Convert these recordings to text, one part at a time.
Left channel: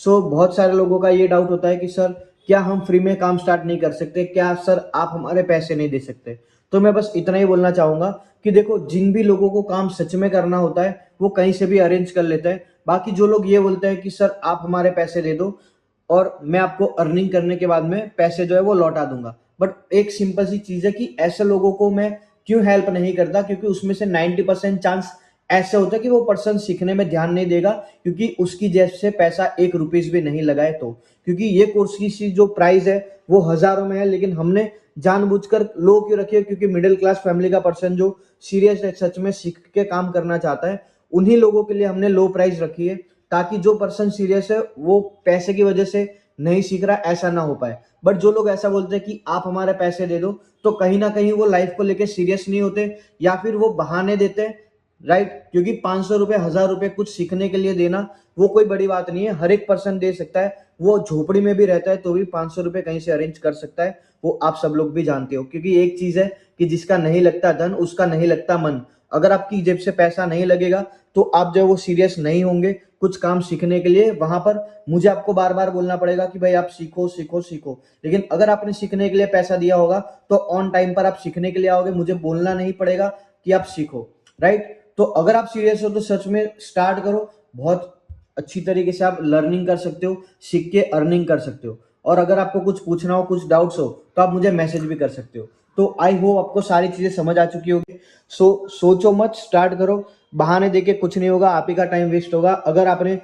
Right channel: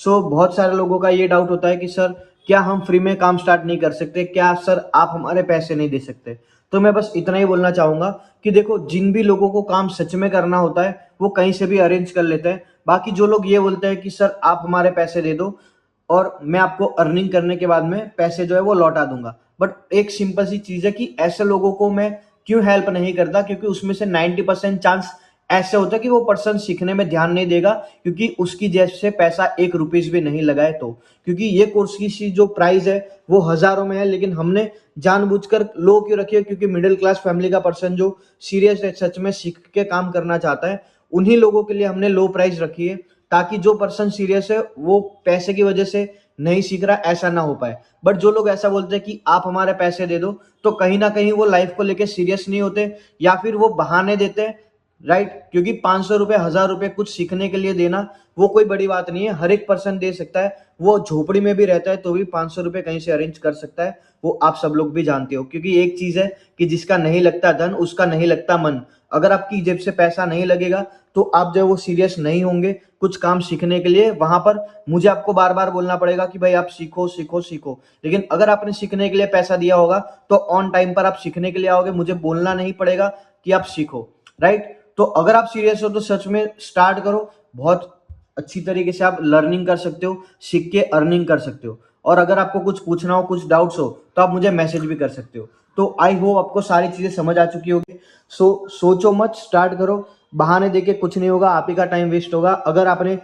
बहुत सारे लोगों का ये डाउट होता है कि सर क्या हम फ्री में काम स्टार्ट नहीं कर सकते, क्या सर आप हमारे पैसे नहीं दे सकते। तो मैं बस इतना ही बोलना चाहूंगा कि देखो, जिन भी लोगों को काम सच में करना होता है वो कहीं से भी अरेंज कर लेते हैं। बाकी जो लोग ये बोलते हैं कि सर आप हमारे पैसे दे दो और मैं आपको अर्निंग करने के बाद में पैसे जो है वो लौटा दूंगा, बट एक सिंपल सी चीज है कि ऐसे लोगों को मैं क्यों हेल्प नहीं करता, क्योंकि उसमें से 90% चांस ऐसे होता है कि वो पर्सन सीखने में ध्यान नहीं देगा, क्योंकि उसकी जेब से पैसा 1 रुपीज भी नहीं लगाए तो। क्योंकि ये कोर्स की जो प्राइस है वो हजारों में है, लेकिन हमने जानबूझकर लो क्यों रखी है, क्योंकि मिडिल क्लास फैमिली का पर्सन जो सीरियस है, सच में सीख के काम करना चाहता है, उन्हीं लोगों के लिए हमने लो प्राइस रखी है, ताकि जो पर्सन सीरियस है वो पैसे की वजह से नहीं सीख रहा, ऐसा ना हो पाए। बट जो लोग ऐसा बोलते हैं कि आप हमारे पैसे दे दो, तो कहीं ना कहीं वो लाइफ को लेके सीरियस नहीं होते, या फिर वो बहाने देते हैं, राइट। क्योंकि 500 रुपए, 1000 रुपए कुछ सीखने के लिए देना वो कोई बड़ी बात नहीं है, हर एक पर्सन दे सकता है। वो झोपड़ी में भी रहता है तो भी 500 रुपए कहीं से अरेंज कर सकता है, वो आप सब लोग भी जानते हो। क्योंकि एक चीज है कि जिसका नहीं लगता धन, उसका नहीं लगता मन। अगर आपकी जेब से पैसा नहीं लगेगा तो आप जो है वो सीरियस नहीं होंगे कुछ काम सीखने के लिए। वहां पर मुझे आपको बार बार बोलना पड़ेगा कि भाई आप सीखो सीखो सीखो, लेकिन अगर आपने सीखने के लिए पैसा दिया होगा तो ऑन टाइम पर आप सीखने के लिए आओगे, मुझे बोलना नहीं पड़ेगा कि आप सीखो, राइट। तो अगर आप सीरियस हो तो सच में स्टार्ट करो, बहुत अच्छी तरीके से आप लर्निंग कर सकते हो, सीख के अर्निंग कर सकते हो। और अगर आपको कुछ पूछना हो, कुछ डाउट्स हो, तो आप मुझे मैसेज भी कर सकते हो। तो आई होप आपको सारी चीजें समझ आ चुकी होगी। सोचो मत, स्टार्ट करो। बहाने देके कुछ नहीं होगा, आप ही का टाइम वेस्ट होगा। अगर आपने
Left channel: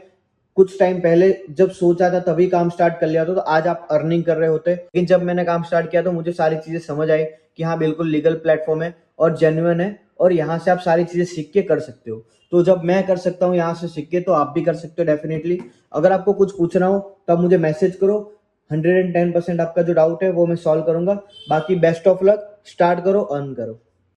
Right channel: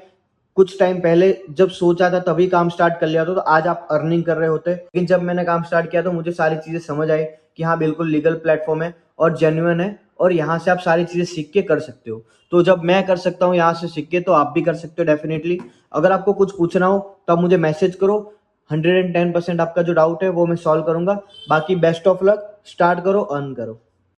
कुछ टाइम पहले जब सोचा था तभी काम स्टार्ट कर लिया था तो आज आप अर्निंग कर रहे होते। लेकिन जब मैंने काम स्टार्ट किया तो मुझे सारी चीजें समझ आई कि हाँ बिल्कुल लीगल प्लेटफॉर्म है और जेन्युइन है, और यहाँ से आप सारी चीजें सीख के कर सकते हो। तो जब मैं कर सकता हूँ यहाँ से सीख के, तो आप भी कर सकते हो डेफिनेटली। अगर आपको कुछ पूछना हो तो आप मुझे मैसेज करो, 110% आपका जो डाउट है वो मैं सॉल्व करूंगा। बाकी बेस्ट ऑफ लक, स्टार्ट करो, अर्न करो।